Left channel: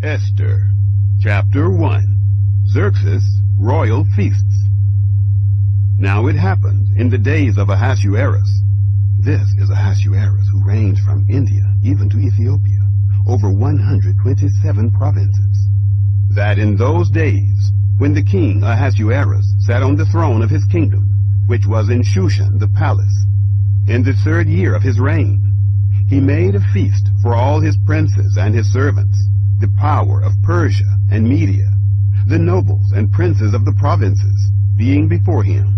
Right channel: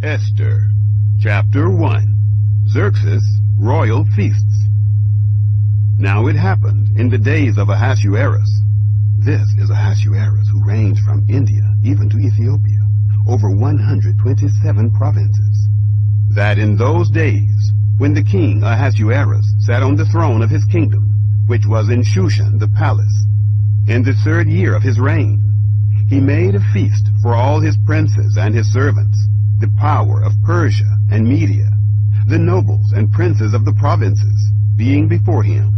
Esther, Chapter 1. Xerxes' Royal Feasts. Now it happened in the days of Ahasuerus. This is Ahasuerus, who reigned from India even to Ethiopia, over 127 provinces. That in those days, when the king Ahasuerus sat on the throne of his kingdom, which was in Shushan the palace, in the 3rd year of his reign, he made a feast for all his princes and his servants, the power of Persia and Media, the nobles and princes of the provinces, being before him.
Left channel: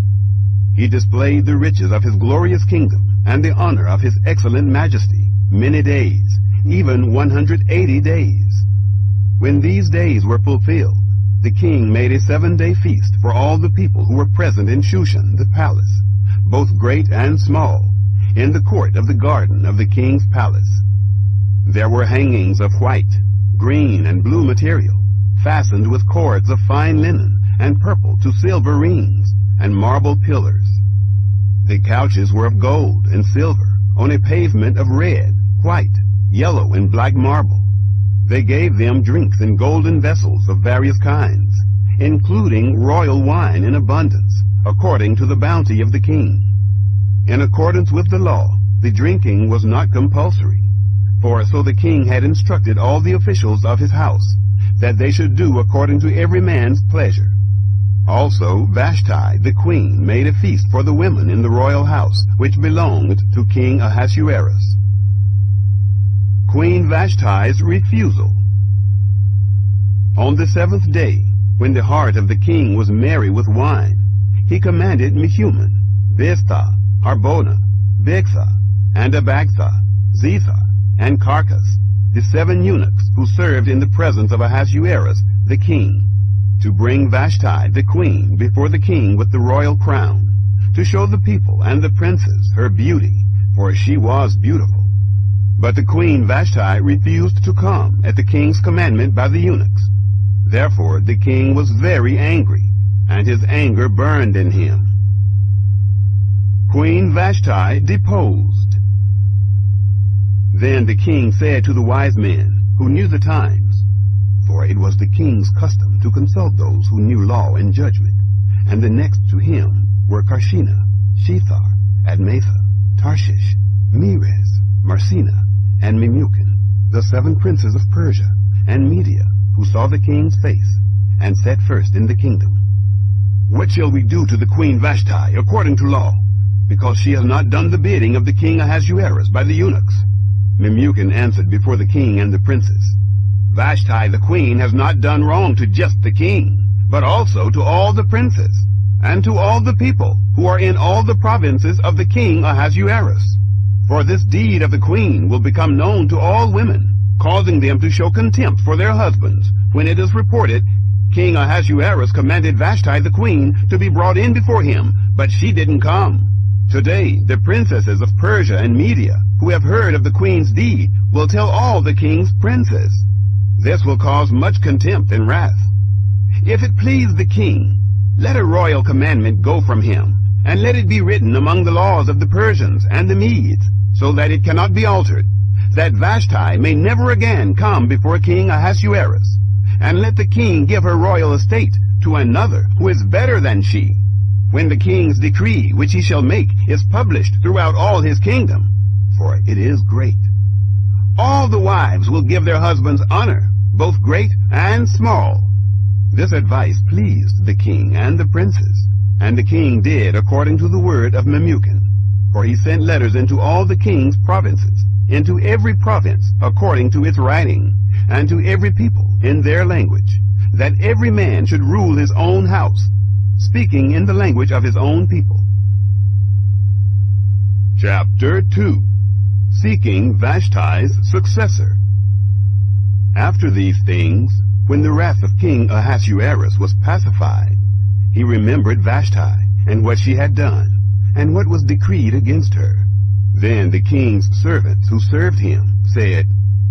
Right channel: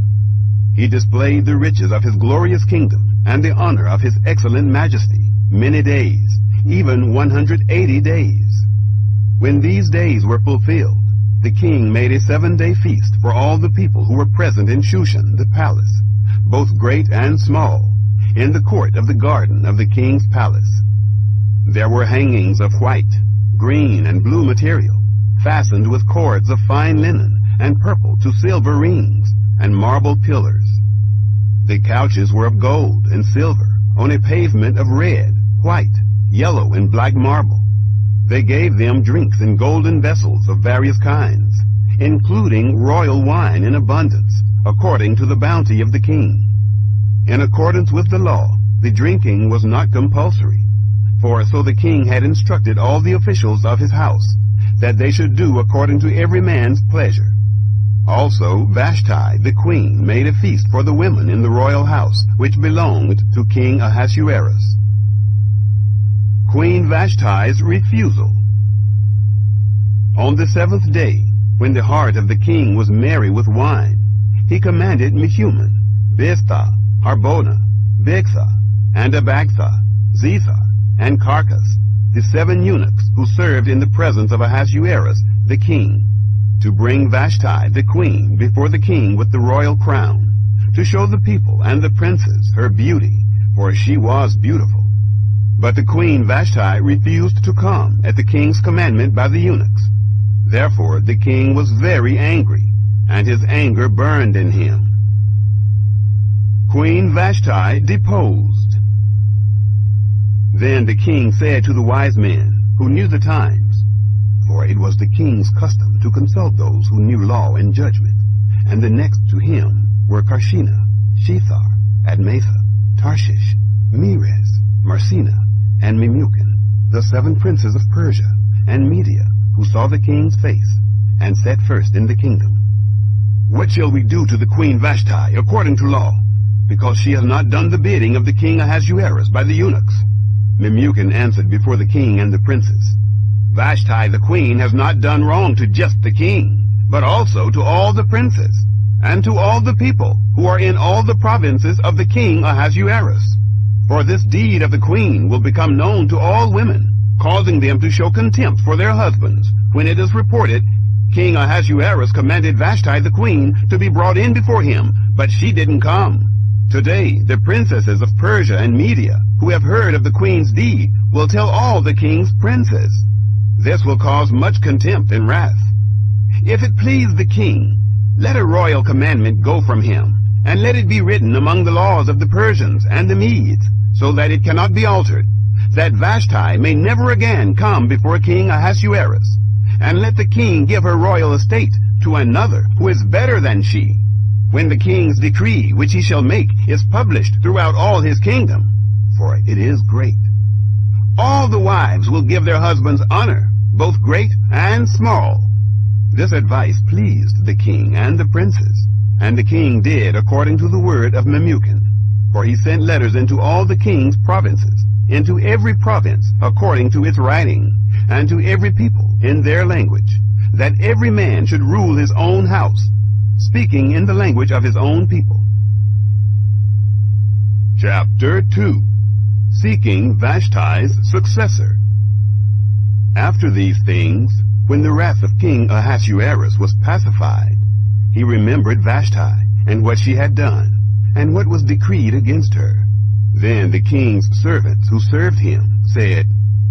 He displayed the riches of his glorious kingdom and the honor of his excellent majesty many days, even 180 days. When these days were fulfilled, the king made a 7-day feast for all the people who were present in Shushan the palace, both great and small, in the court of the garden of the king's palace. There were hangings of white, green, and blue material, fastened with cords of fine linen and purple to silver rings, and marble pillars. The couches were of gold and silver, on a pavement of red, white, yellow, and black marble. They gave them drinks in golden vessels of various kinds, including royal wine in abundance, according to the bounty of the king. In accordance with the law, the drinking was not compulsory, for so the king had instructed all the officials of his house, that they should do according to every man's pleasure. Also Vashti the queen made a feast for the women in the royal house, which belonged to King Ahasuerus. Queen Vashti's refusal. On the 7th day, when the heart of the king was merry with wine, he commanded Mehuman, Biztha, Harbona, Bigtha, and Abagtha, Zethar, and Carcas, the 7 eunuchs who served in the presence of Ahasuerus the king, to bring Vashti the queen before the king with the royal crown, to show the people and the princes her beauty, for she was beautiful. But the queen Vashti refused to come at the king's commandment by the eunuchs. Therefore the king was very angry, and his anger burned in him. Queen Vashti deposed. Then the king said to the wise men, who knew the times, for it was the king's custom to consult those who knew law and judgment, and the next to him were Carshena, Shethar, Admatha, Tarshish, Meres, Marsena, and Memucan, the 7 princes of Persia and Media, who saw the king's face, and sat first in the kingdom. What shall we do to the queen Vashti according to law, because she has not done the bidding of the king Ahasuerus by the eunuchs? Memucan answered before the king and the princes, Vashti the queen has not done wrong to just the king, but also to all the princes, and to all the people who are in all the provinces of the king Ahasuerus. For this deed of the queen will become known to all women, causing them to show contempt for their husbands, when it is reported, King Ahasuerus commanded Vashti the queen to be brought in before him, but she didn't come. Today the princesses of Persia and Media, who have heard of the queen's deed, will tell all the king's princes. This will cause much contempt and wrath. If it please the king, let a royal commandment go from him, and let it be written among the laws of the Persians and the Medes, so that it cannot be altered, that Vashti may never again come before King Ahasuerus, and let the king give her royal estate to another who is better than she, when the king's decree which he shall make is published throughout all his kingdom, for it is great. All the wives will give their husbands honor, both great and small. This advice pleased the king and the princes, and the king did according to the word of Memucan, for he sent letters into all the king's provinces, into every province according to its writing, and to every people in their language, that every man should rule his own house, speaking in the language of his own people. Chapter 2. Seeking Vashti's successor. After these things, when the wrath of King Ahasuerus was pacified, he remembered Vashti, and what she had done, and what was decreed against her. Then the king's servants who served him said,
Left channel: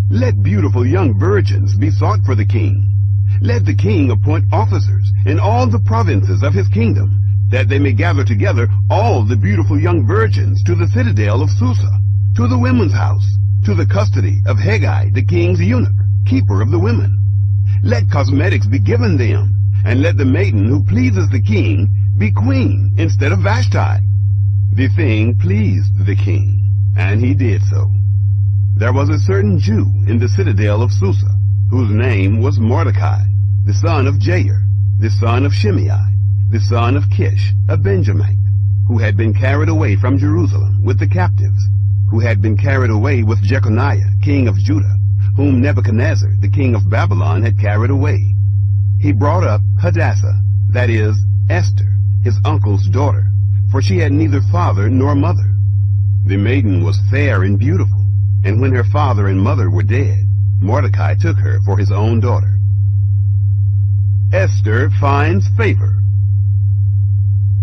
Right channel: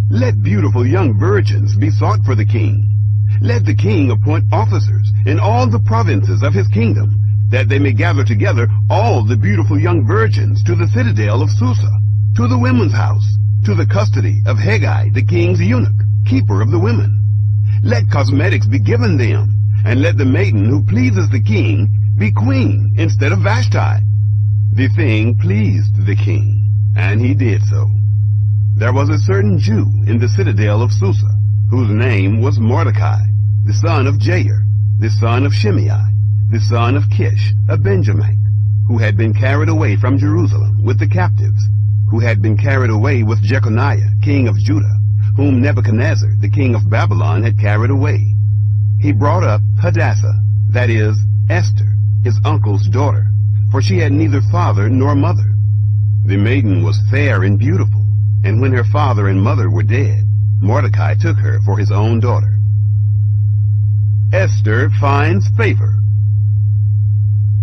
Let beautiful young virgins be sought for the king. Let the king appoint officers in all the provinces of his kingdom, that they may gather together all the beautiful young virgins to the citadel of Susa, to the women's house, to the custody of Hegai the king's eunuch, keeper of the women, Let cosmetics be given them, and let the maiden who pleases the king be queen instead of Vashti." The thing pleased the king, and he did so. There was a certain Jew in the citadel of Susa, whose name was Mordecai, the son of Jair, the son of Shimei, the son of Kish, a Benjamite, who had been carried away from Jerusalem with the captives, who had been carried away with Jeconiah, king of Judah, whom Nebuchadnezzar, the king of Babylon, had carried away. He brought up Hadassah, that is, Esther, his uncle's daughter, for she had neither father nor mother. The maiden was fair and beautiful, and when her father and mother were dead, Mordecai took her for his own daughter. Esther finds favor.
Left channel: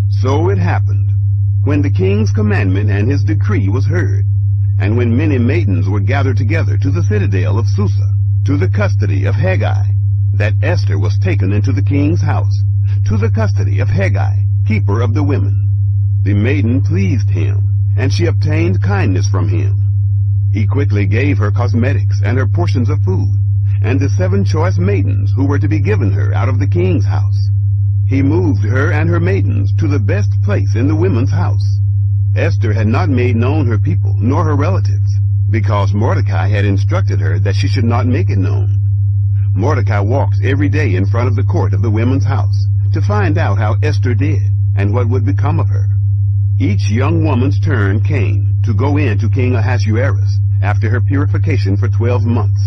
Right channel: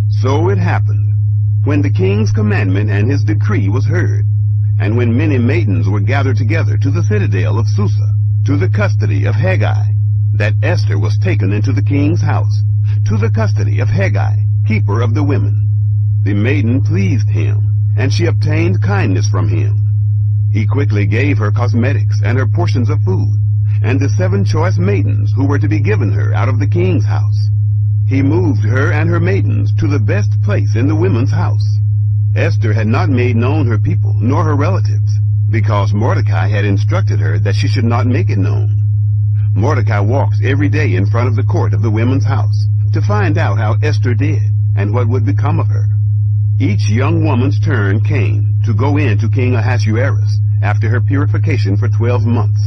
So it happened, when the king's commandment and his decree was heard, and when many maidens were gathered together to the citadel of Susa, to the custody of Haggai, that Esther was taken into the king's house, to the custody of Haggai, keeper of the women. The maiden pleased him, and she obtained kindness from him. He quickly gave her cosmetics and her portions of food, and the 7 choice maidens who were to be given her out of the king's house. He moved her and her maidens to the best place in the women's house. Esther had not made known her people nor her relatives, because Mordecai had instructed her that she should not make it known. Mordecai walked every day in front of the court of the women's house to find out how Esther did and what would become of her. Each young woman's turn came to go in to King Ahasuerus after her purification for 12 months.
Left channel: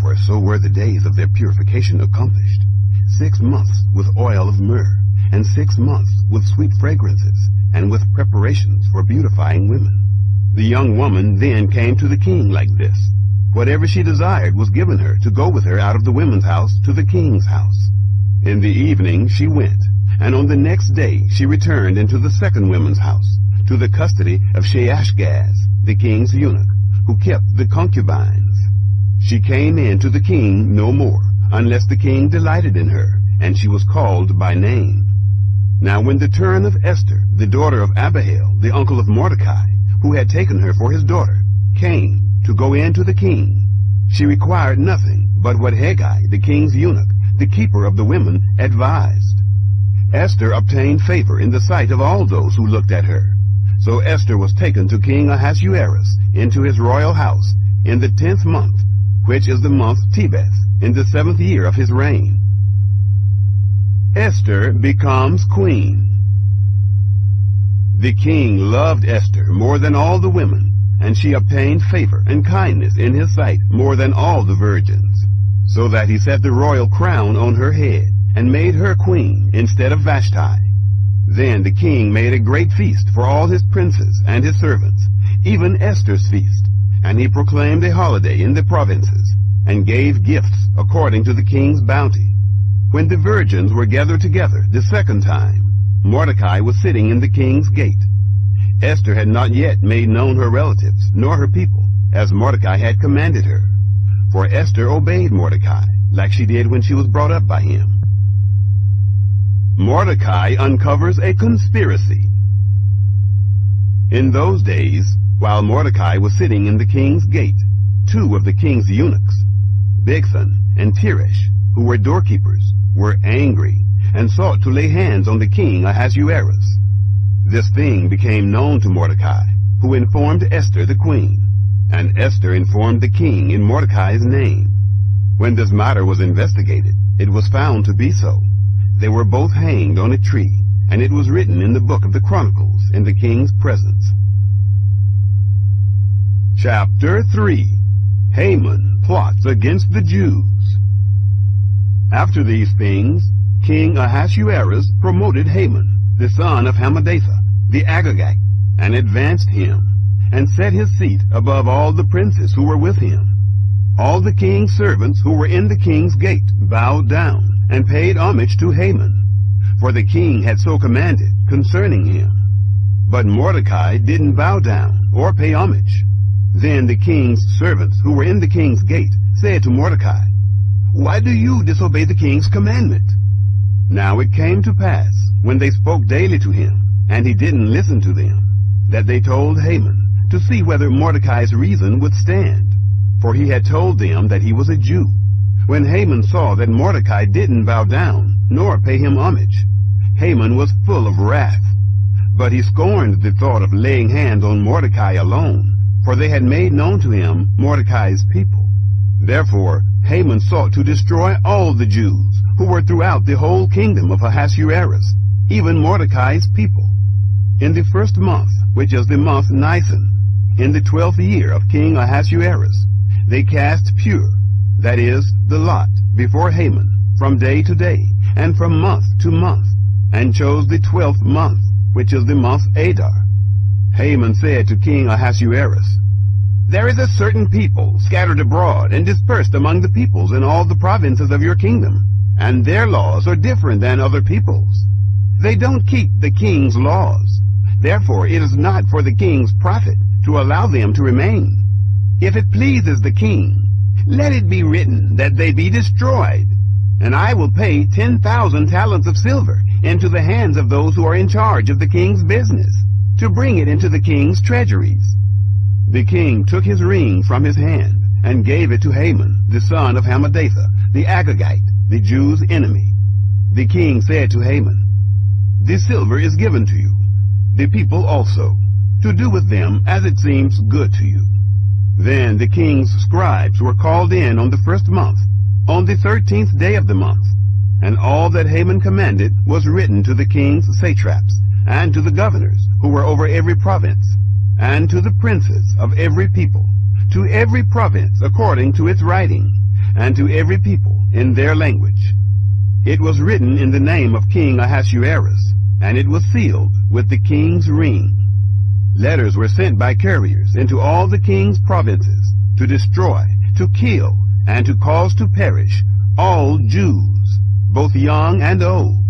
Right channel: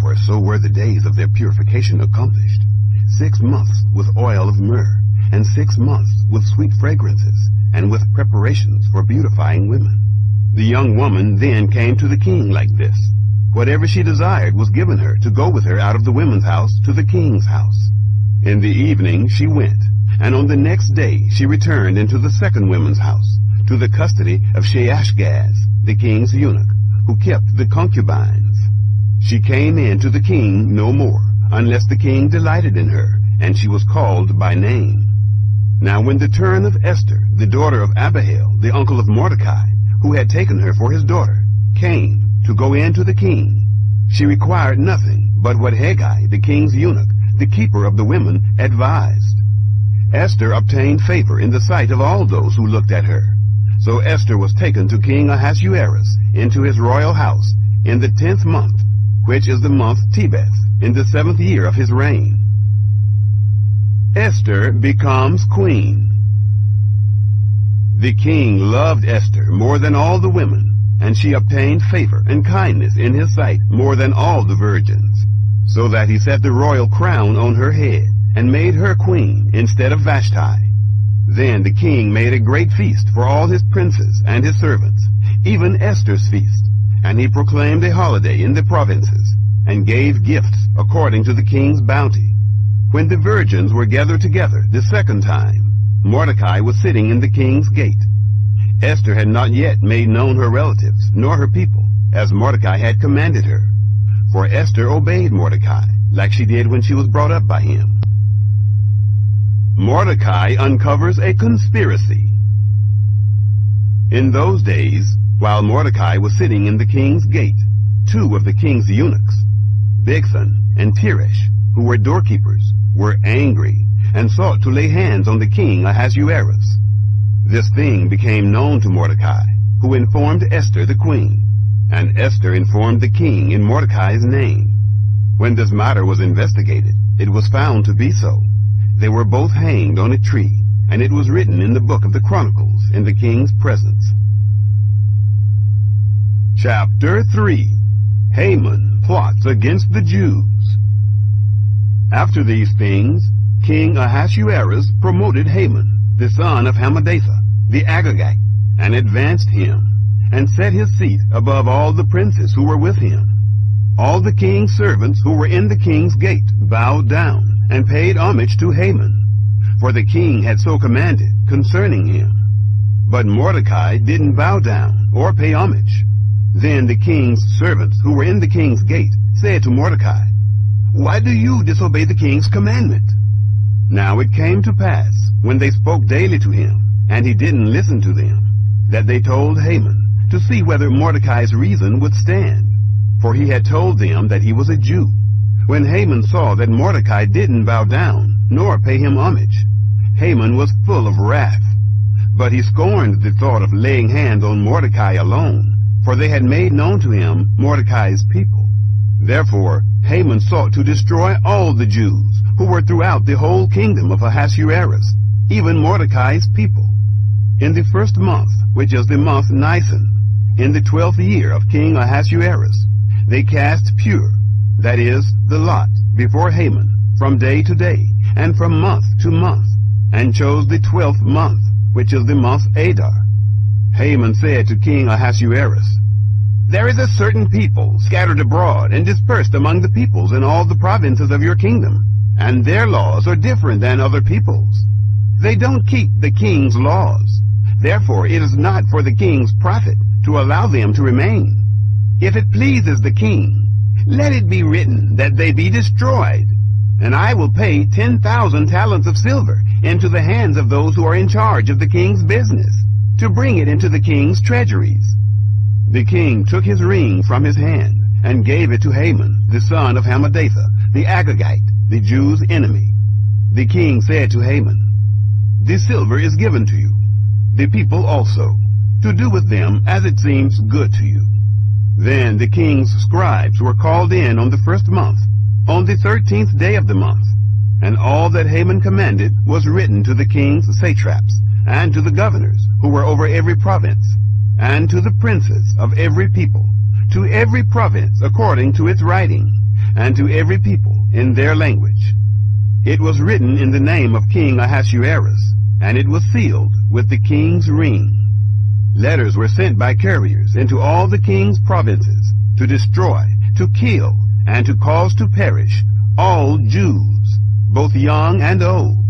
For so were the days of their purification accomplished, 6 months with oil of myrrh, and 6 months with sweet fragrances, and with preparations for beautifying women. The young woman then came to the king like this. Whatever she desired was given her to go with her out of the women's house to the king's house. In the evening she went, and on the next day she returned into the second women's house, to the custody of Sheashgaz, the king's eunuch, who kept the concubines. She came in to the king no more, unless the king delighted in her, and she was called by name. Now when the turn of Esther, the daughter of Abihail, the uncle of Mordecai, who had taken her for his daughter, came to go in to the king, she required nothing but what Haggai, the king's eunuch, the keeper of the women, advised. Esther obtained favor in the sight of all those who looked at her. So Esther was taken to King Ahasuerus into his royal house in the 10th month, which is the month Tebeth, in the 7th year of his reign. Esther becomes queen. The king loved Esther more than all the women, and she obtained favor and kindness in his sight more than all the virgins, so that he set the royal crown on her head, and made her queen instead of Vashti. Then the king made a great feast for all his princes and his servants, even Esther's feast, and he proclaimed a holiday in the provinces, and gave gifts according to the king's bounty. When the virgins were gathered together the second time, Mordecai was sitting in the king's gate. Esther had not yet made known her relatives, nor her people, as Mordecai had commanded her, for Esther obeyed Mordecai, like she did when she was brought up by him. Mordecai uncovers a conspiracy. In those days, while Mordecai was sitting in the king's gate, 2 of the king's eunuchs, Bigthan and Teresh, who were doorkeepers, were angry and sought to lay hands on the king Ahasuerus. This thing became known to Mordecai, who informed Esther the queen, and Esther informed the king in Mordecai's name. When this matter was investigated, it was found to be so. They were both hanged on a tree, and it was written in the book of the Chronicles in the king's presence. Chapter 3. Haman plots against the Jews. After these things, King Ahasuerus promoted Haman, the son of Hammedatha, the Agagite, and advanced him, and set his seat above all the princes who were with him. All the king's servants who were in the king's gate bowed down and paid homage to Haman, for the king had so commanded concerning him. But Mordecai didn't bow down or pay homage. Then the king's servants who were in the king's gate said to Mordecai, "Why do you disobey the king's commandment?" Now it came to pass, when they spoke daily to him, and he didn't listen to them, that they told Haman to see whether Mordecai's reason would stand. For he had told them that he was a Jew. When Haman saw that Mordecai didn't bow down, nor pay him homage, Haman was full of wrath. But he scorned the thought of laying hands on Mordecai alone, for they had made known to him Mordecai's people. Therefore Haman sought to destroy all the Jews who were throughout the whole kingdom of Ahasuerus, even Mordecai's people. In the first month, which is the month Nisan, in the 12th year of King Ahasuerus, they cast pure, that is, the lot, before Haman, from day to day, and from month to month, and chose the 12th month, which is the month Adar. Haman said to King Ahasuerus, "There is a certain people scattered abroad and dispersed among the peoples in all the provinces of your kingdom, and their laws are different than other peoples. They don't keep the king's laws. Therefore it is not for the king's profit to allow them to remain. If it pleases the king, let it be written that they be destroyed, and I will pay 10,000 talents of silver into the hands of those who are in charge of the king's business, to bring it into the king's treasuries." The king took his ring from his hand and gave it to Haman, the son of Hammedatha, the Agagite, the Jews' enemy. The king said to Haman, "The silver is given to you, the people also, to do with them as it seems good to you." Then the king's scribes were called in on the first month, on the 13th day of the month, and all that Haman commanded was written to the king's satraps, and to the governors who were over every province, and to the princes of every people, to every province according to its writing, and to every people in their language. It was written in the name of King Ahasuerus, and it was sealed with the king's ring. Letters were sent by couriers into all the king's provinces to destroy, to kill, and to cause to perish all Jews, both young and old,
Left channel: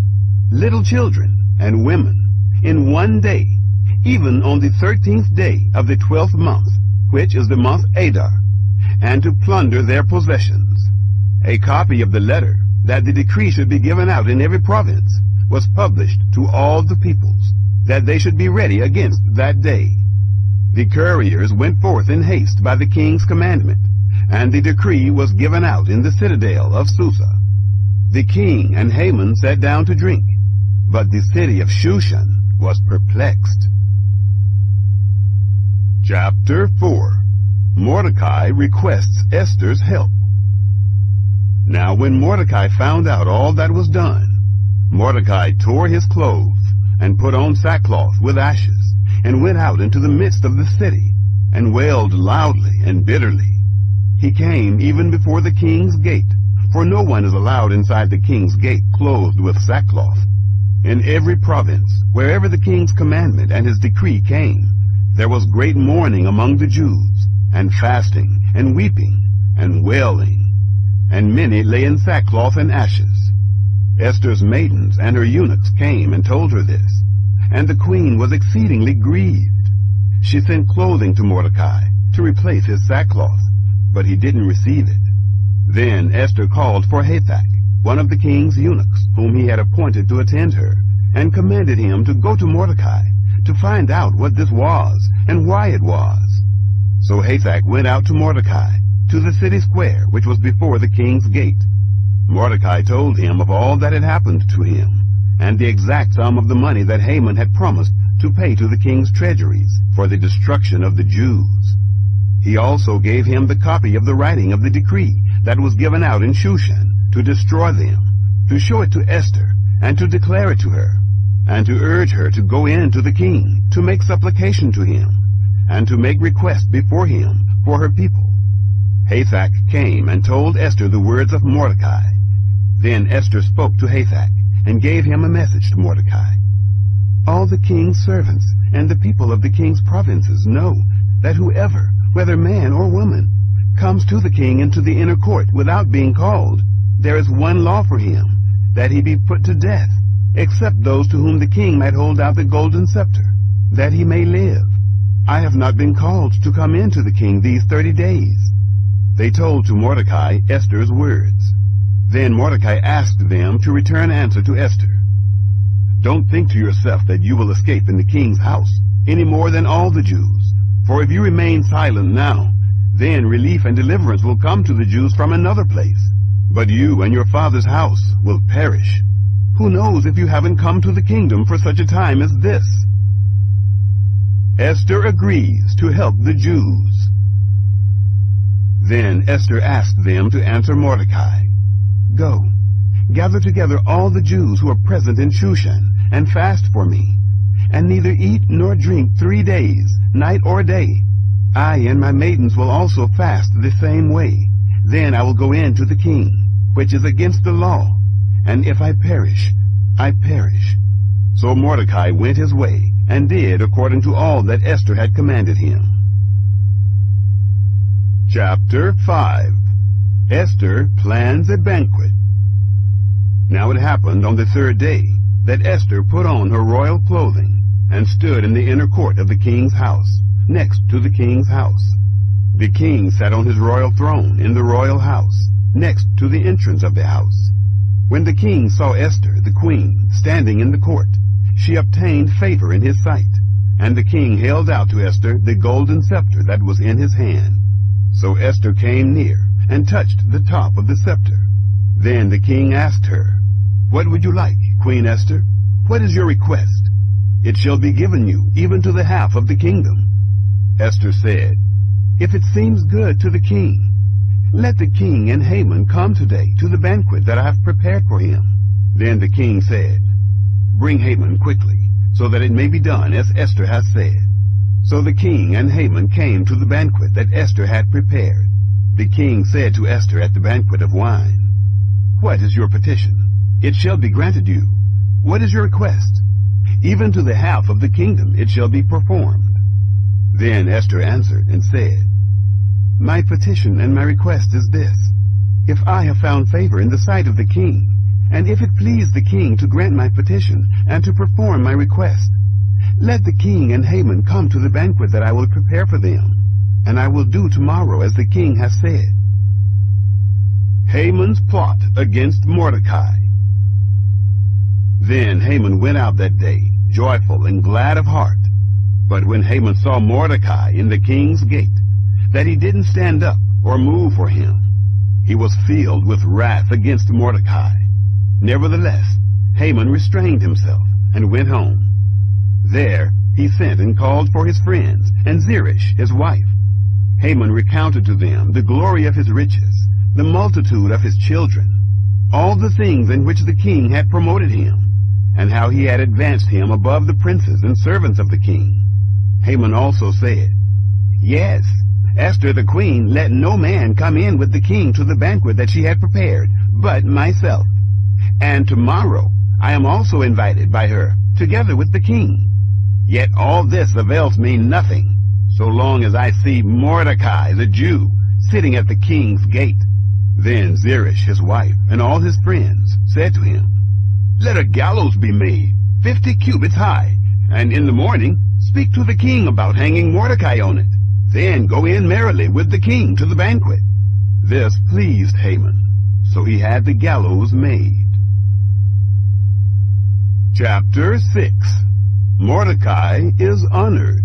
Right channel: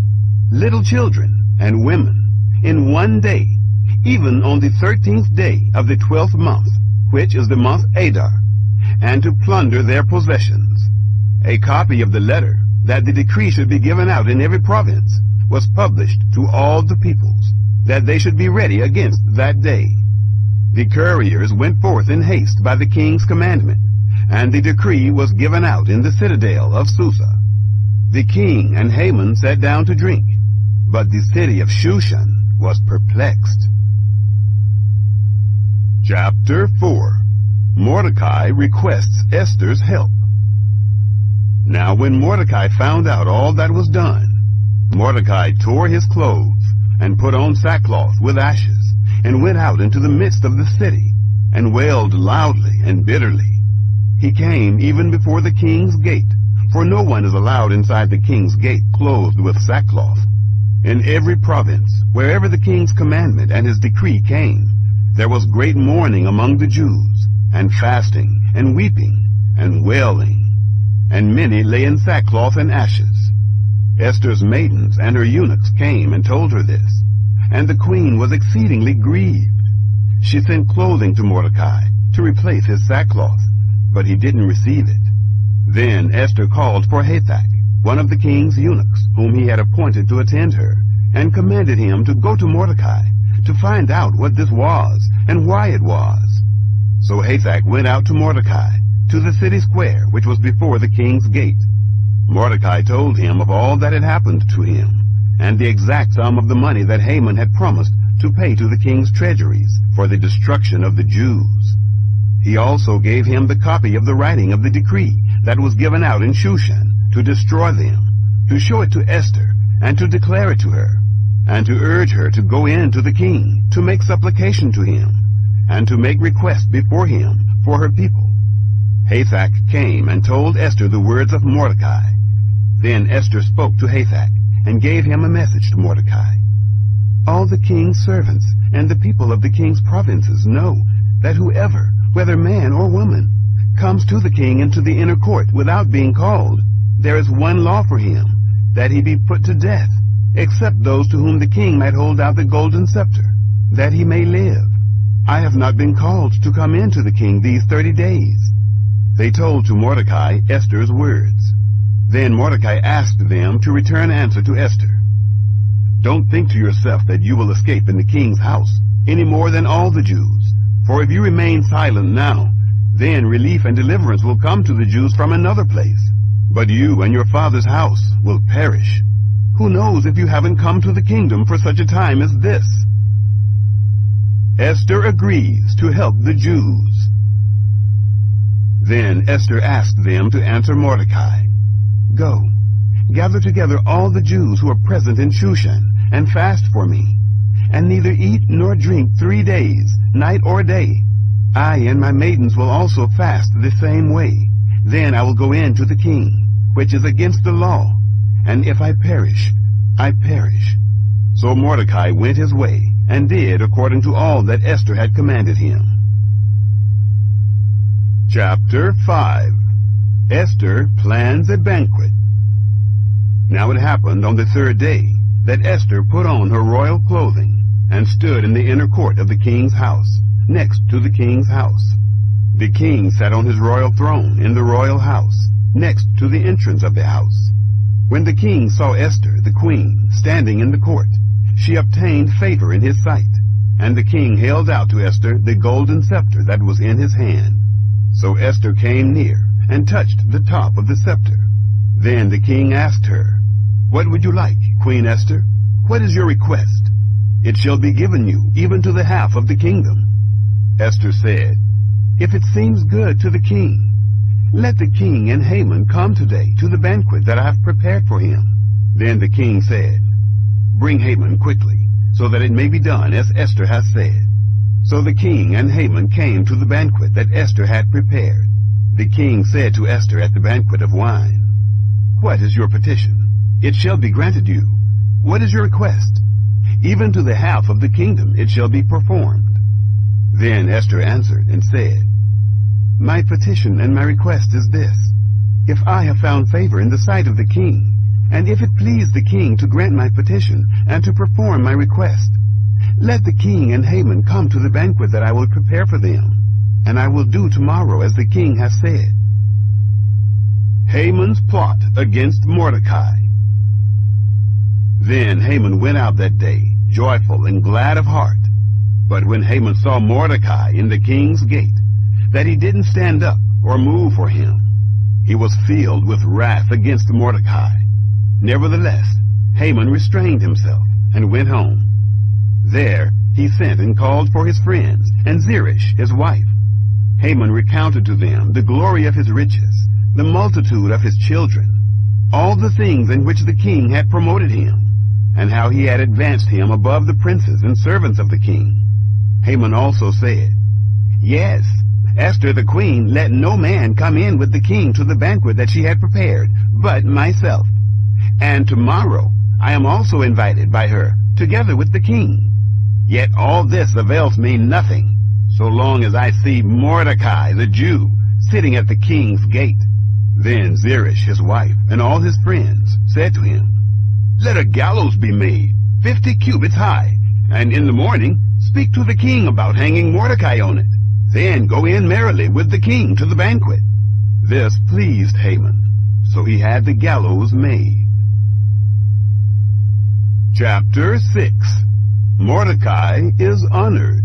little children and women, in one day, even on the 13th day of the 12th month, which is the month Adar, and to plunder their possessions. A copy of the letter, that the decree should be given out in every province, was published to all the peoples, that they should be ready against that day. The couriers went forth in haste by the king's commandment, and the decree was given out in the citadel of Susa. The king and Haman sat down to drink, but the city of Shushan was perplexed. Chapter 4. Mordecai requests Esther's help. Now when Mordecai found out all that was done, Mordecai tore his clothes, and put on sackcloth with ashes, and went out into the midst of the city, and wailed loudly and bitterly. He came even before the king's gate, for no one is allowed inside the king's gate clothed with sackcloth. In every province, wherever the king's commandment and his decree came, there was great mourning among the Jews, and fasting, and weeping, and wailing, and many lay in sackcloth and ashes. Esther's maidens and her eunuchs came and told her this, and the queen was exceedingly grieved. She sent clothing to Mordecai to replace his sackcloth, but he didn't receive it. Then Esther called for Hathach, one of the king's eunuchs, whom he had appointed to attend her, and commanded him to go to Mordecai, to find out what this was, and why it was. So Hathach went out to Mordecai, to the city square which was before the king's gate. Mordecai told him of all that had happened to him, and the exact sum of the money that Haman had promised to pay to the king's treasuries for the destruction of the Jews. He also gave him the copy of the writing of the decree that was given out in Shushan to destroy them, to show it to Esther, and to declare it to her, and to urge her to go in to the king, to make supplication to him, and to make request before him for her people. Hathach came and told Esther the words of Mordecai. Then Esther spoke to Hathach, and gave him a message to Mordecai. All the king's servants and the people of the king's provinces know that whoever, whether man or woman, comes to the king into the inner court without being called, there is one law for him, that he be put to death, except those to whom the king might hold out the golden scepter, that he may live. I have not been called to come in to the king these 30 days. They told to Mordecai Esther's words. Then Mordecai asked them to return answer to Esther. Don't think to yourself that you will escape in the king's house, any more than all the Jews. For if you remain silent now, then relief and deliverance will come to the Jews from another place. But you and your father's house will perish. Who knows if you haven't come to the kingdom for such a time as this?" Esther agrees to help the Jews. Then Esther asked them to answer Mordecai, "Go, gather together all the Jews who are present in Shushan, and fast for me, and neither eat nor drink 3 days, night or day. I and my maidens will also fast the same way. Then I will go in to the king, which is against the law, and if I perish, I perish." So Mordecai went his way, and did according to all that Esther had commanded him. Chapter 5. Esther plans a banquet. Now it happened on the 3rd day that Esther put on her royal clothing, and stood in the inner court of the king's house, next to the king's house. The king sat on his royal throne in the royal house, next to the entrance of the house. When the king saw Esther, the queen, standing in the court, she obtained favor in his sight, and the king held out to Esther the golden scepter that was in his hand. So Esther came near and touched the top of the scepter. Then the king asked her, "What would you like, Queen Esther? What is your request? It shall be given you, even to the half of the kingdom." Esther said, "If it seems good to the king, let the king and Haman come today to the banquet that I have prepared for him." Then the king said, "Bring Haman quickly, so that it may be done as Esther has said." So the king and Haman came to the banquet that Esther had prepared. The king said to Esther at the banquet of wine, "What is your petition? It shall be granted you. What is your request? Even to the half of the kingdom it shall be performed." Then Esther answered and said, "My petition and my request is this. If I have found favor in the sight of the king, and if it please the king to grant my petition and to perform my request, let the king and Haman come to the banquet that I will prepare for them, and I will do tomorrow as the king has said." Haman's plot against Mordecai. Then Haman went out that day, joyful and glad of heart. But when Haman saw Mordecai in the king's gate, that he didn't stand up or move for him, he was filled with wrath against Mordecai. Nevertheless, Haman restrained himself and went home. There he sent and called for his friends and Zeresh his wife. Haman recounted to them the glory of his riches, the multitude of his children, all the things in which the king had promoted him, and how he had advanced him above the princes and servants of the king. Haman also said, "Yes, Esther the queen let no man come in with the king to the banquet that she had prepared, but myself. And tomorrow I am also invited by her, together with the king. Yet all this avails me nothing, so long as I see Mordecai the Jew sitting at the king's gate." Then Zeresh his wife and all his friends said to him, "Let a gallows be made, 50 cubits high, and in the morning speak to the king about hanging Mordecai on it. Then go in merrily with the king to the banquet." This pleased Haman, so he had the gallows made. Chapter 6. Mordecai is honored.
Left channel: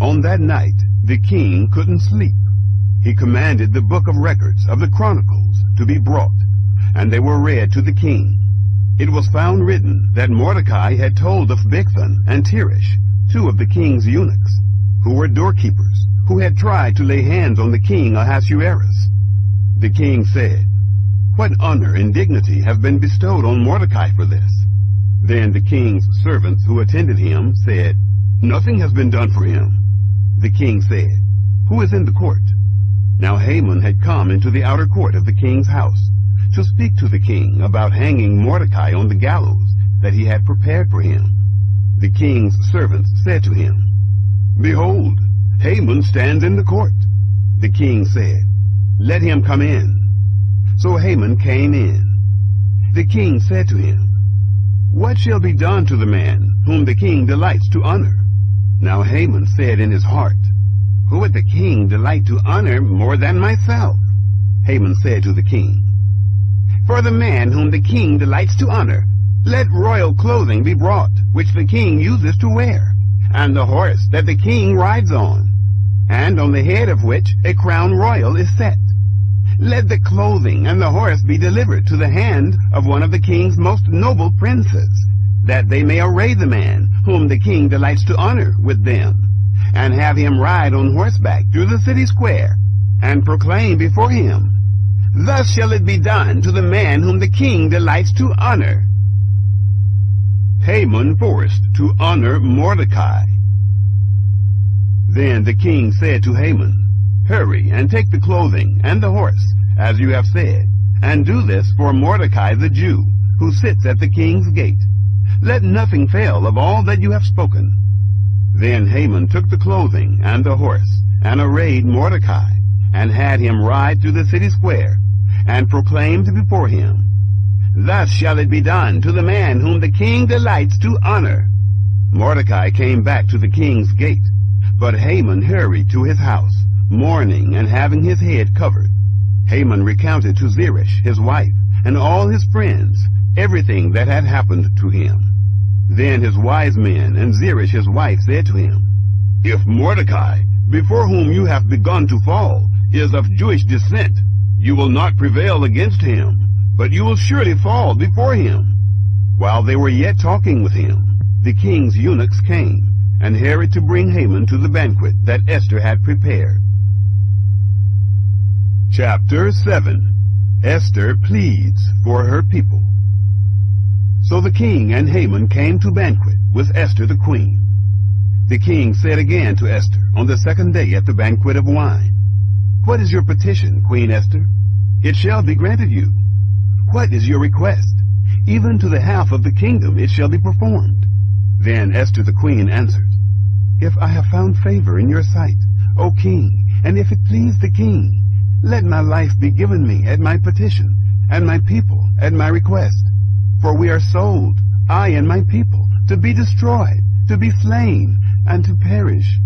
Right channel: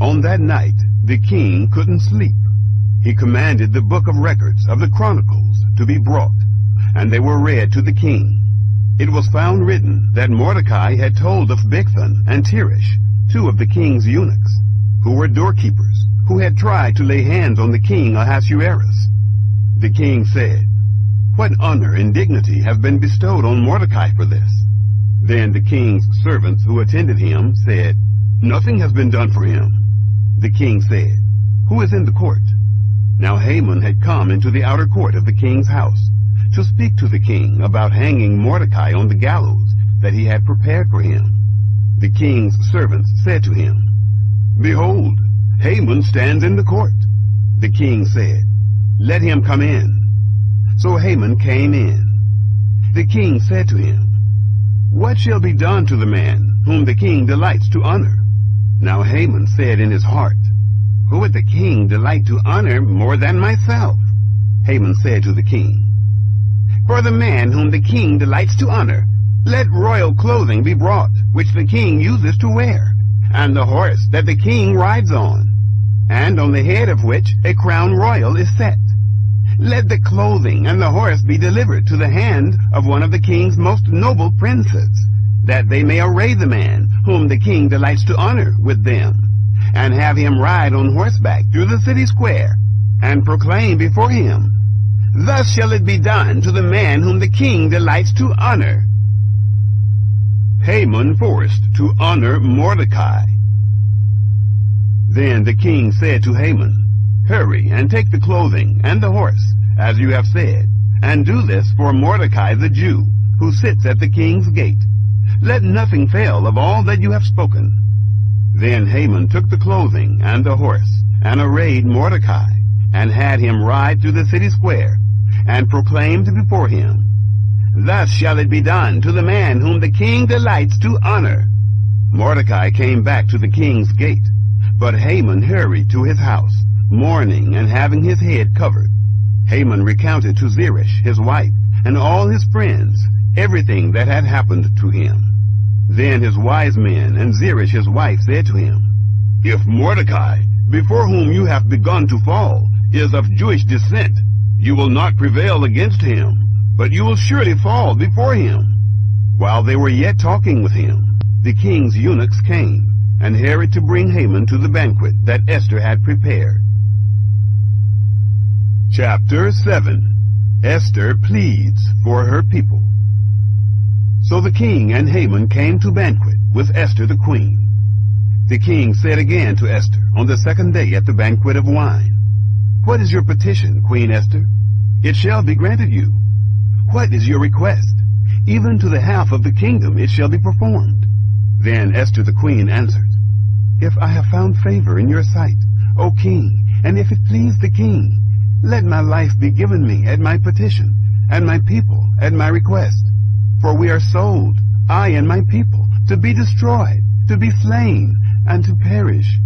On that night the king couldn't sleep. He commanded the book of records of the Chronicles to be brought, and they were read to the king. It was found written that Mordecai had told of Bigthan and Teresh, 2 of the king's eunuchs, who were doorkeepers, who had tried to lay hands on the king Ahasuerus. The king said, "What honor and dignity have been bestowed on Mordecai for this?" Then the king's servants who attended him said, "Nothing has been done for him." The king said, "Who is in the court?" Now Haman had come into the outer court of the king's house to speak to the king about hanging Mordecai on the gallows that he had prepared for him. The king's servants said to him, "Behold, Haman stands in the court." The king said, "Let him come in." So Haman came in. The king said to him, "What shall be done to the man whom the king delights to honor?" Now Haman said in his heart, "Who would the king delight to honor more than myself?" Haman said to the king, "For the man whom the king delights to honor, let royal clothing be brought, which the king uses to wear, and the horse that the king rides on, and on the head of which a crown royal is set. Let the clothing and the horse be delivered to the hand of one of the king's most noble princes, that they may array the man whom the king delights to honor with them, and have him ride on horseback through the city square, and proclaim before him, Thus shall it be done to the man whom the king delights to honor. Haman forced to honor Mordecai. Then the king said to Haman, Hurry and take the clothing and the horse, as you have said, and do this for Mordecai the Jew, who sits at the king's gate. Let nothing fail of all that you have spoken. Then Haman took the clothing and the horse, and arrayed Mordecai, and had him ride through the city square, and proclaimed before him, Thus shall it be done to the man whom the king delights to honor. Mordecai came back to the king's gate, but Haman hurried to his house, mourning and having his head covered. Haman recounted to Zeresh his wife and all his friends everything that had happened to him. Then his wise men and Zeresh his wife said to him, If Mordecai, before whom you have begun to fall, is of Jewish descent, you will not prevail against him, but you will surely fall before him. While they were yet talking with him, the king's eunuchs came, and hurried to bring Haman to the banquet that Esther had prepared. Chapter 7. Esther pleads for her people. So the king and Haman came to banquet with Esther the queen. The king said again to Esther on the second day at the banquet of wine, What is your petition, Queen Esther? It shall be granted you. What is your request? Even to the half of the kingdom it shall be performed. Then Esther the queen answered, If I have found favor in your sight, O king, and if it please the king, let my life be given me at my petition, and my people at my request. For we are sold, I and my people, to be destroyed, to be slain, and to perish.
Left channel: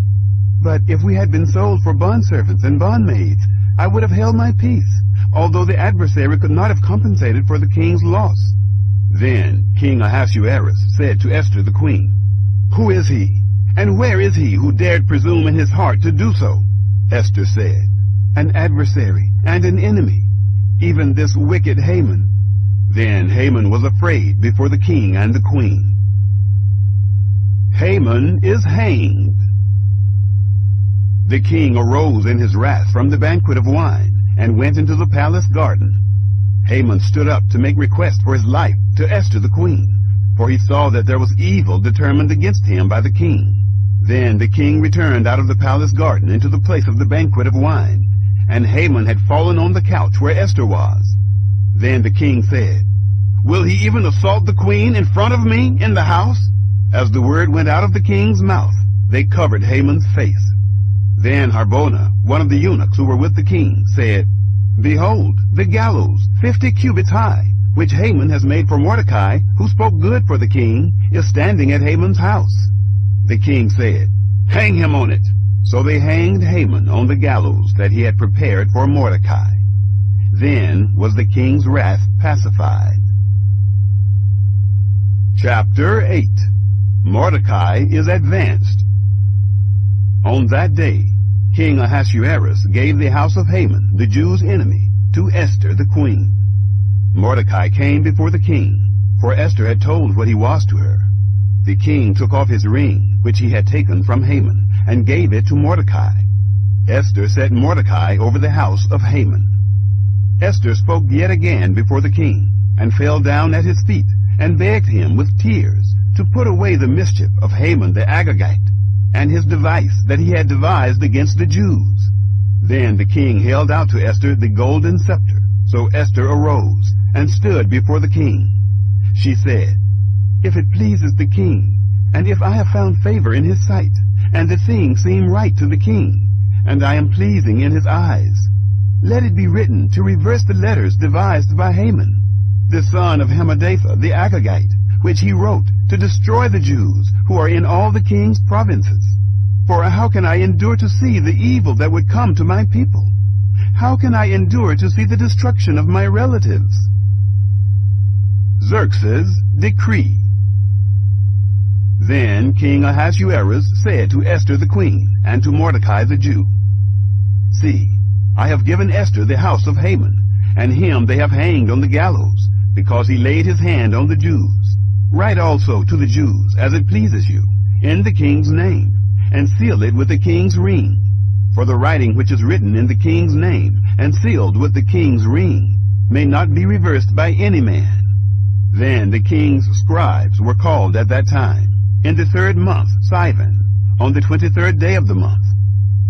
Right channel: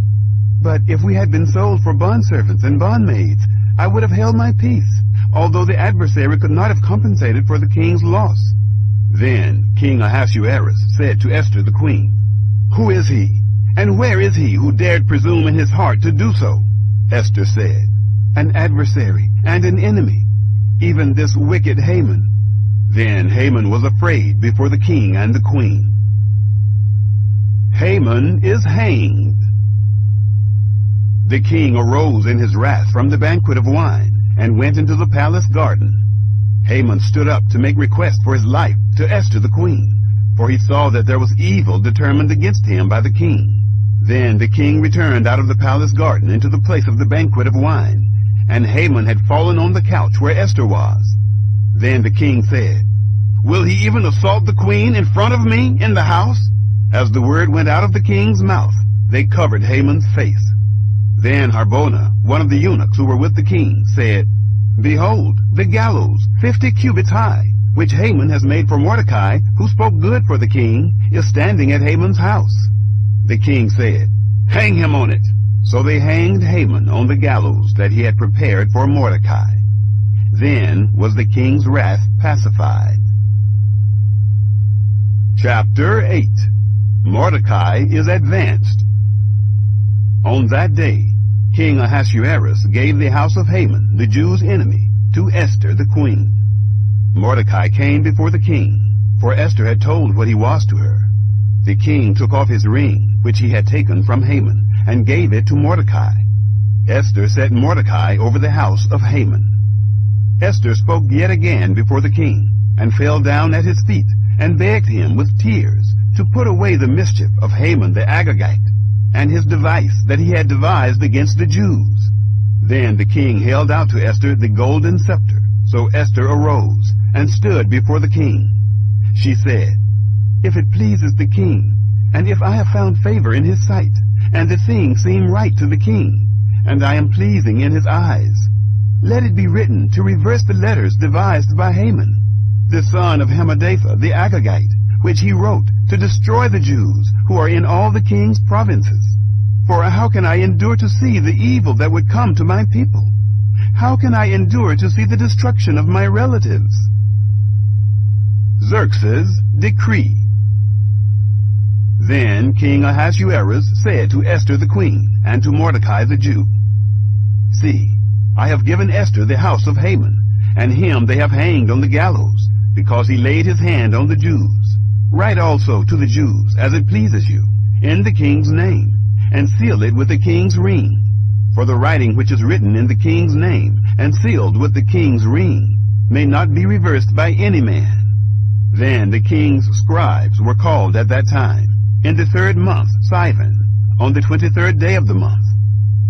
But if we had been sold for bondservants and bondmaids, I would have held my peace, although the adversary could not have compensated for the king's loss. Then King Ahasuerus said to Esther the queen, Who is he, and where is he who dared presume in his heart to do so? Esther said, An adversary and an enemy, even this wicked Haman. Then Haman was afraid before the king and the queen. Haman is hanged. The king arose in his wrath from the banquet of wine, and went into the palace garden. Haman stood up to make request for his life to Esther the queen, for he saw that there was evil determined against him by the king. Then the king returned out of the palace garden into the place of the banquet of wine, and Haman had fallen on the couch where Esther was. Then the king said, Will he even assault the queen in front of me in the house? As the word went out of the king's mouth, they covered Haman's face. Then Harbona, one of the eunuchs who were with the king, said, Behold, the gallows, 50 cubits high, which Haman has made for Mordecai, who spoke good for the king, is standing at Haman's house. The king said, Hang him on it. So they hanged Haman on the gallows that he had prepared for Mordecai. Then was the king's wrath pacified. Chapter 8. Mordecai is advanced. On that day, King Ahasuerus gave the house of Haman, the Jews' enemy, to Esther the queen. Mordecai came before the king, for Esther had told what he was to her. The king took off his ring, which he had taken from Haman, and gave it to Mordecai. Esther set Mordecai over the house of Haman. Esther spoke yet again before the king, and fell down at his feet, and begged him with tears to put away the mischief of Haman the Agagite, and his device that he had devised against the Jews. Then the king held out to Esther the golden scepter. So Esther arose, and stood before the king. She said, If it pleases the king, and if I have found favor in his sight, and the thing seem right to the king, and I am pleasing in his eyes, let it be written to reverse the letters devised by Haman, the son of Hammedatha the Agagite, which he wrote to destroy the Jews who are in all the king's provinces. For how can I endure to see the evil that would come to my people? How can I endure to see the destruction of my relatives? Xerxes' decree. Then King Ahasuerus said to Esther the queen and to Mordecai the Jew, See, I have given Esther the house of Haman, and him they have hanged on the gallows, because he laid his hand on the Jews. Write also to the Jews, as it pleases you, in the king's name, and seal it with the king's ring. For the writing which is written in the king's name, and sealed with the king's ring, may not be reversed by any man. Then the king's scribes were called at that time, in the 3rd month, Sivan, on the 23rd day of the month.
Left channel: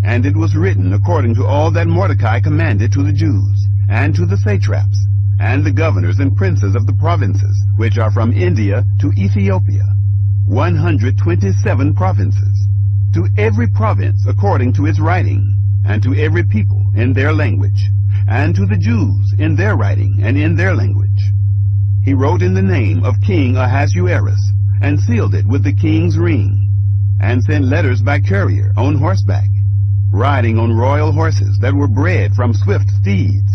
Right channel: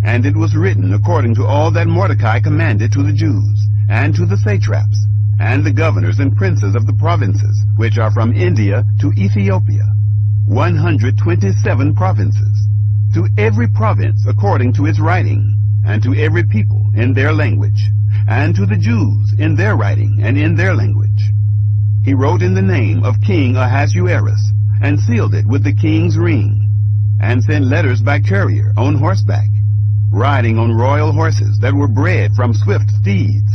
And it was written according to all that Mordecai commanded to the Jews, and to the satraps, and the governors and princes of the provinces, which are from India to Ethiopia, 127 provinces, to every province according to its writing, and to every people in their language, and to the Jews in their writing and in their language. He wrote in the name of King Ahasuerus, and sealed it with the king's ring, and sent letters by courier on horseback, riding on royal horses that were bred from swift steeds.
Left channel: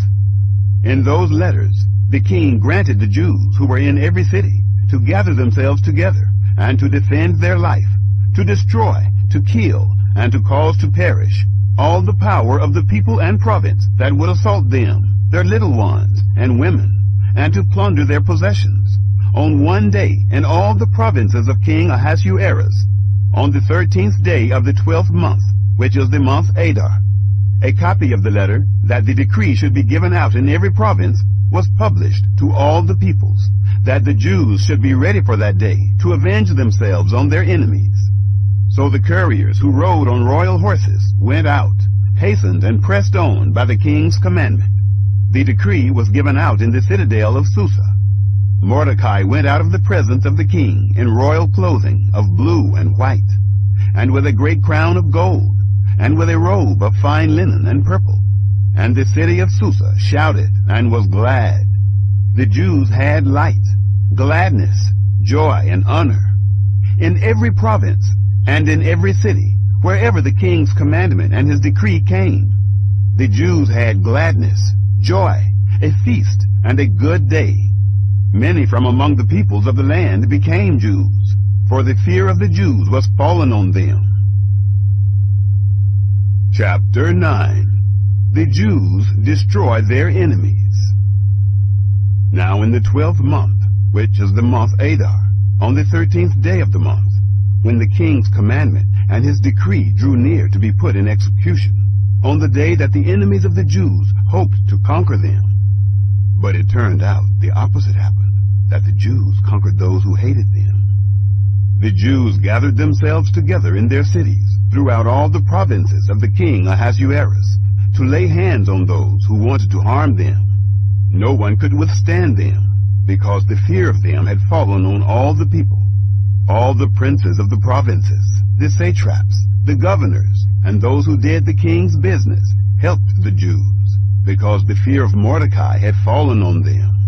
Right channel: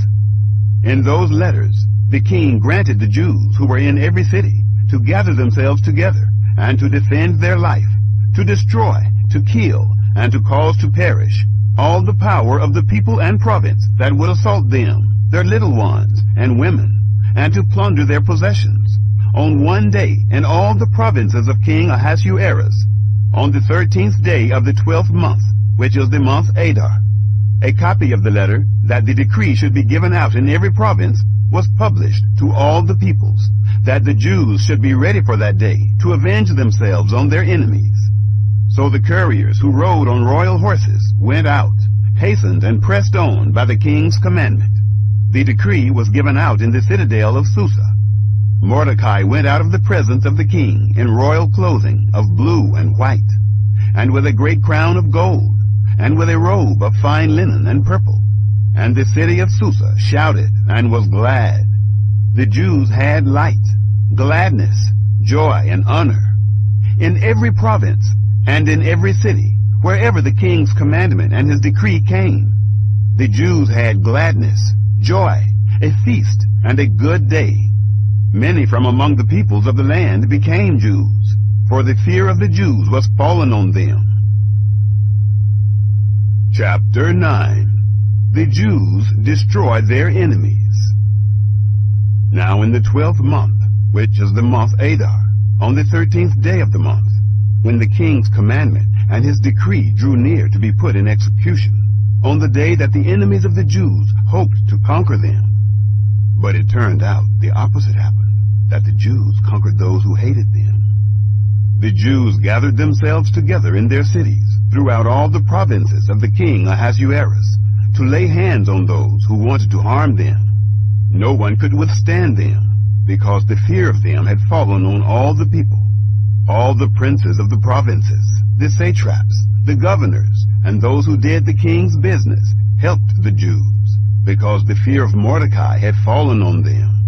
In those letters the king granted the Jews who were in every city to gather themselves together, and to defend their life, to destroy, to kill, and to cause to perish all the power of the people and province that would assault them, their little ones and women, and to plunder their possessions, on one day in all the provinces of King Ahasuerus, on the 13th day of the 12th month, which is the month Adar. A copy of the letter, that the decree should be given out in every province, was published to all the peoples, that the Jews should be ready for that day to avenge themselves on their enemies. So the couriers who rode on royal horses went out, hastened and pressed on by the king's commandment. The decree was given out in the citadel of Susa. Mordecai went out of the presence of the king in royal clothing of blue and white, and with a great crown of gold, and with a robe of fine linen and purple. And the city of Susa shouted and was glad. The Jews had light, gladness, joy, and honor. In every province and in every city, wherever the king's commandment and his decree came, the Jews had gladness, joy, a feast, and a good day. Many from among the peoples of the land became Jews, for the fear of the Jews was fallen on them. Chapter 9. The Jews destroy their enemies. Now in the 12th month, which is the month Adar, on the 13th day of the month, when the king's commandment and his decree drew near to be put in execution, on the day that the enemies of the Jews hoped to conquer them. But it turned out the opposite happened, that the Jews conquered those who hated them. The Jews gathered themselves together in their cities throughout all the provinces of the king Ahasuerus, to lay hands on those who wanted to harm them. No one could withstand them, because the fear of them had fallen on all the people. All the princes of the provinces, the satraps, the governors, and those who did the king's business helped the Jews, because the fear of Mordecai had fallen on them.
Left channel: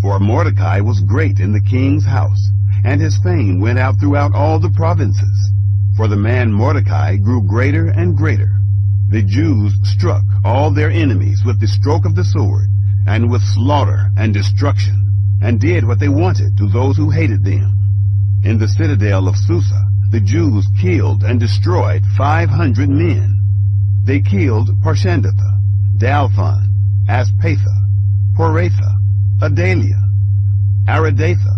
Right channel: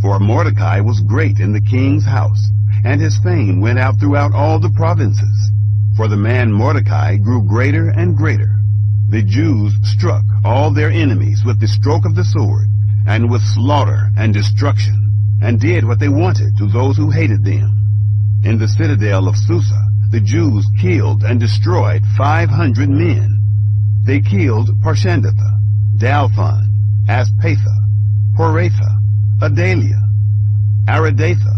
For Mordecai was great in the king's house, and his fame went out throughout all the provinces. For the man Mordecai grew greater and greater. The Jews struck all their enemies with the stroke of the sword, and with slaughter and destruction, and did what they wanted to those who hated them. In the citadel of Susa, the Jews killed and destroyed 500 men. They killed Parshandatha, Dalphon, Aspatha, Poratha, Adalia, Aridatha,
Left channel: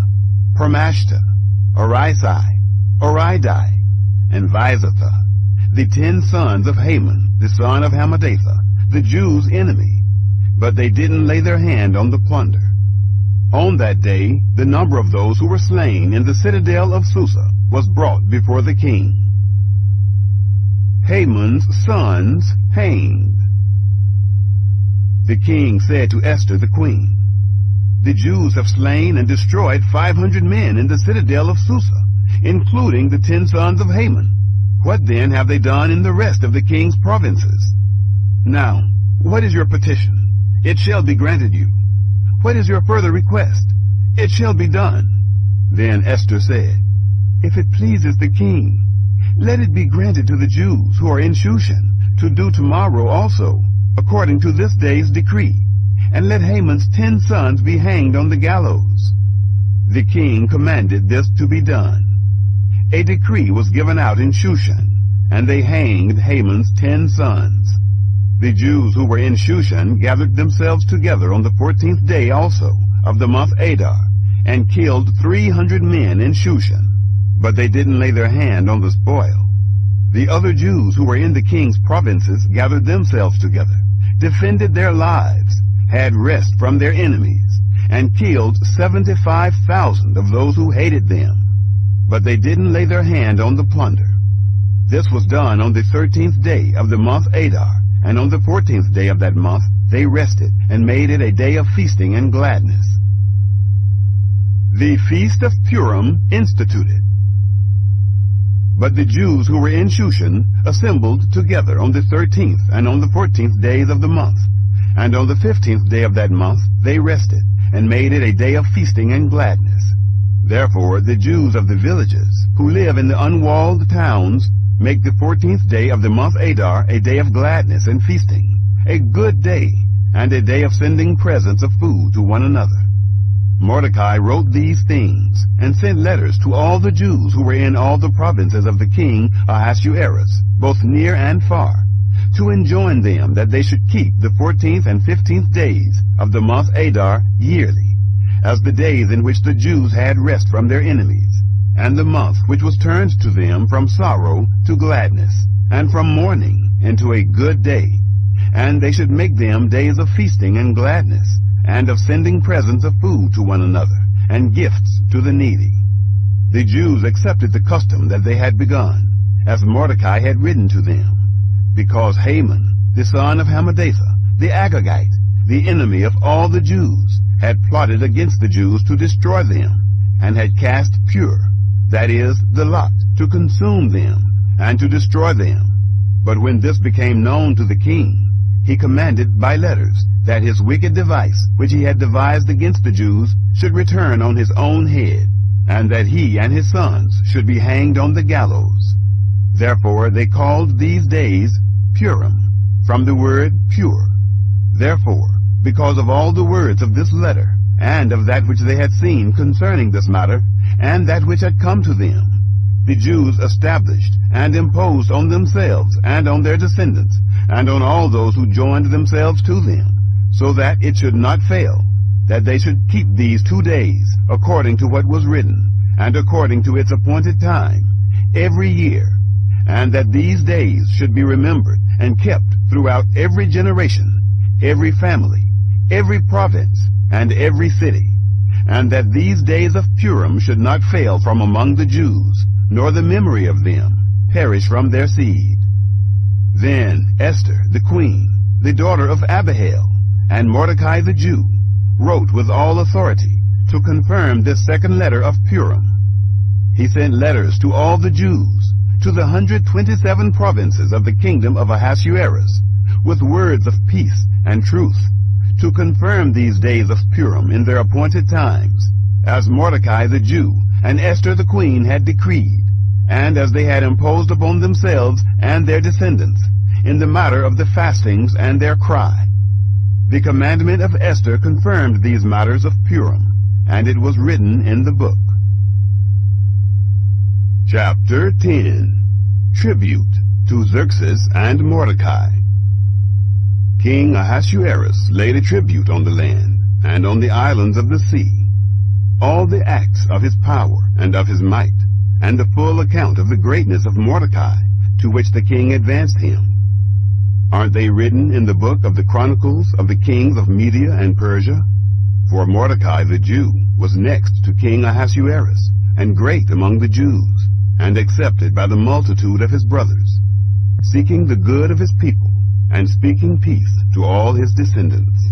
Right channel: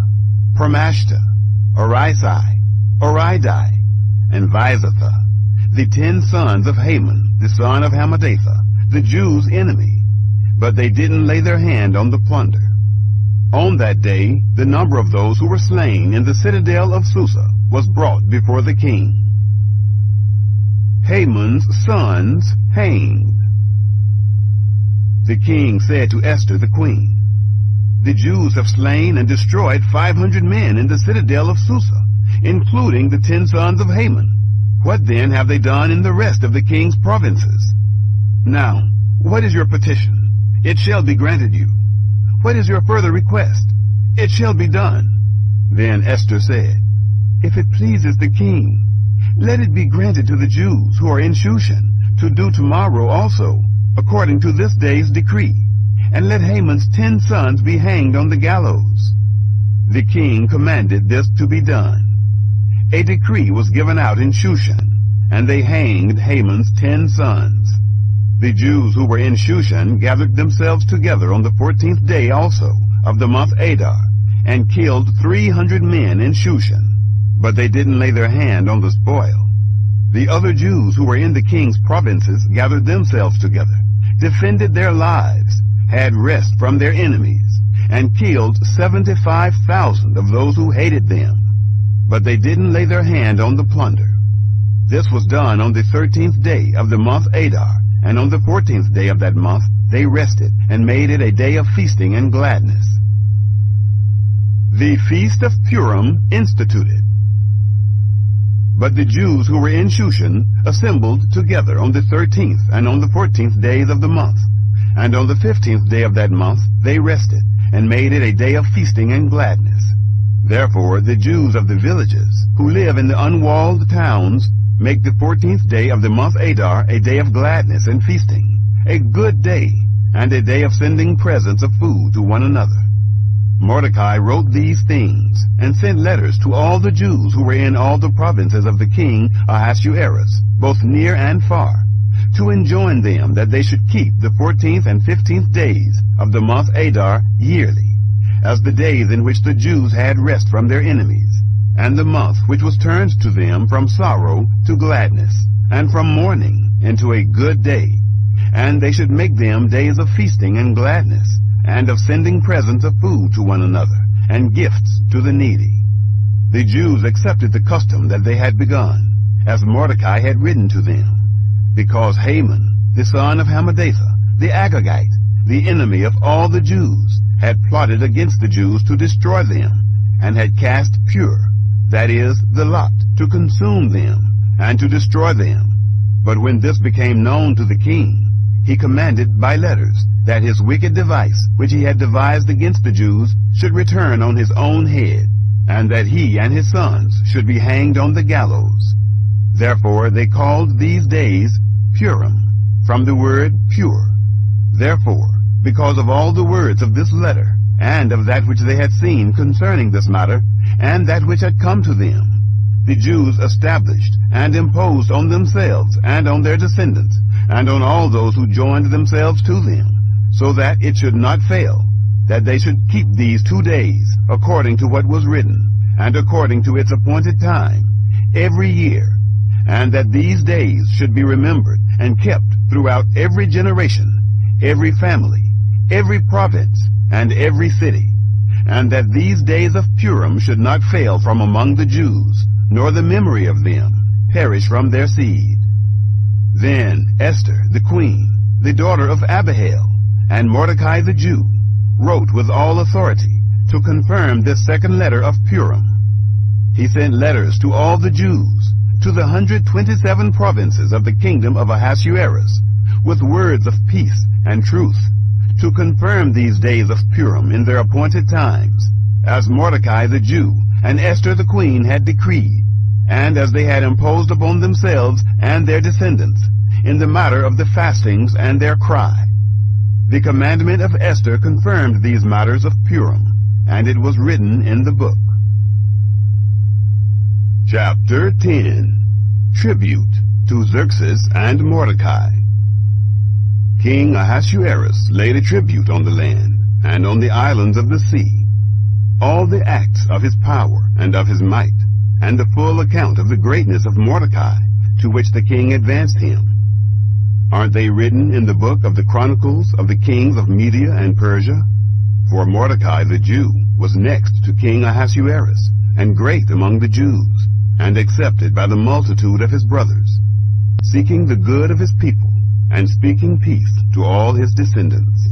Parmashta, Arisai, Oridai, and Visatha, the 10 sons of Haman, the son of Hammedatha, the Jews' enemy. But they didn't lay their hand on the plunder. On that day, the number of those who were slain in the citadel of Susa was brought before the king. Haman's sons hanged. The king said to Esther the queen, "The Jews have slain and destroyed 500 men in the citadel of Susa, including the 10 sons of Haman. What then have they done in the rest of the king's provinces? Now, what is your petition? It shall be granted you. What is your further request? It shall be done." Then Esther said, "If it pleases the king, let it be granted to the Jews who are in Shushan to do tomorrow also, according to this day's decree, and let Haman's 10 sons be hanged on the gallows." The king commanded this to be done. A decree was given out in Shushan, and they hanged Haman's 10 sons. The Jews who were in Shushan gathered themselves together on the 14th day also of the month Adar, and killed 300 men in Shushan, but they didn't lay their hand on the spoil. The other Jews who were in the king's provinces gathered themselves together, defended their lives, had rest from their enemies, and killed 75,000 of those who hated them, but they didn't lay their hand on the plunder. This was done on the 13th day of the month Adar, and on the 14th day of that month they rested, and made it a day of feasting and gladness. The Feast of Purim instituted. But the Jews who were in Shushan assembled together on the 13th and on the 14th days of the month, and on the 15th day of that month they rested, and made it a day of feasting and gladness. Therefore the Jews of the villages, who live in the unwalled towns, make the 14th day of the month Adar a day of gladness and feasting, a good day, and a day of sending presents of food to one another. Mordecai wrote these things, and sent letters to all the Jews who were in all the provinces of the king Ahasuerus, both near and far, to enjoin them that they should keep the 14th and 15th days of the month Adar yearly, as the days in which the Jews had rest from their enemies, and the month which was turned to them from sorrow to gladness, and from mourning into a good day, and they should make them days of feasting and gladness, and of sending presents of food to one another, and gifts to the needy. The Jews accepted the custom that they had begun, as Mordecai had written to them, because Haman, the son of Hammedatha, the Agagite, the enemy of all the Jews, had plotted against the Jews to destroy them, and had cast pur, that is, the lot, to consume them, and to destroy them. But when this became known to the king, he commanded by letters that his wicked device, which he had devised against the Jews, should return on his own head, and that he and his sons should be hanged on the gallows. Therefore they called these days Purim, from the word pure. Therefore, because of all the words of this letter, and of that which they had seen concerning this matter, and that which had come to them, the Jews established and imposed on themselves and on their descendants, and on all those who joined themselves to them, so that it should not fail, that they should keep these 2 days, according to what was written, and according to its appointed time, every year, and that these days should be remembered and kept throughout every generation, every family, every province, and every city, and that these days of Purim should not fail from among the Jews, nor the memory of them perish from their seed. Then Esther the queen, the daughter of Abihail, and Mordecai the Jew, wrote with all authority to confirm this second letter of Purim. He sent letters to all the Jews, to the 127 provinces of the kingdom of Ahasuerus, with words of peace and truth, to confirm these days of Purim in their appointed times, as Mordecai the Jew and Esther the queen had decreed, and as they had imposed upon themselves and their descendants, in the matter of the fastings and their cry. The commandment of Esther confirmed these matters of Purim, and it was written in the book. Chapter 10. Tribute to Xerxes and Mordecai. King Ahasuerus laid a tribute on the land, and on the islands of the sea, all the acts of his power and of his might, and the full account of the greatness of Mordecai, to which the king advanced him. Aren't they written in the book of the Chronicles of the kings of Media and Persia? For Mordecai the Jew was next to King Ahasuerus, and great among the Jews, and accepted by the multitude of his brothers, seeking the good of his people, and speaking peace to all his descendants.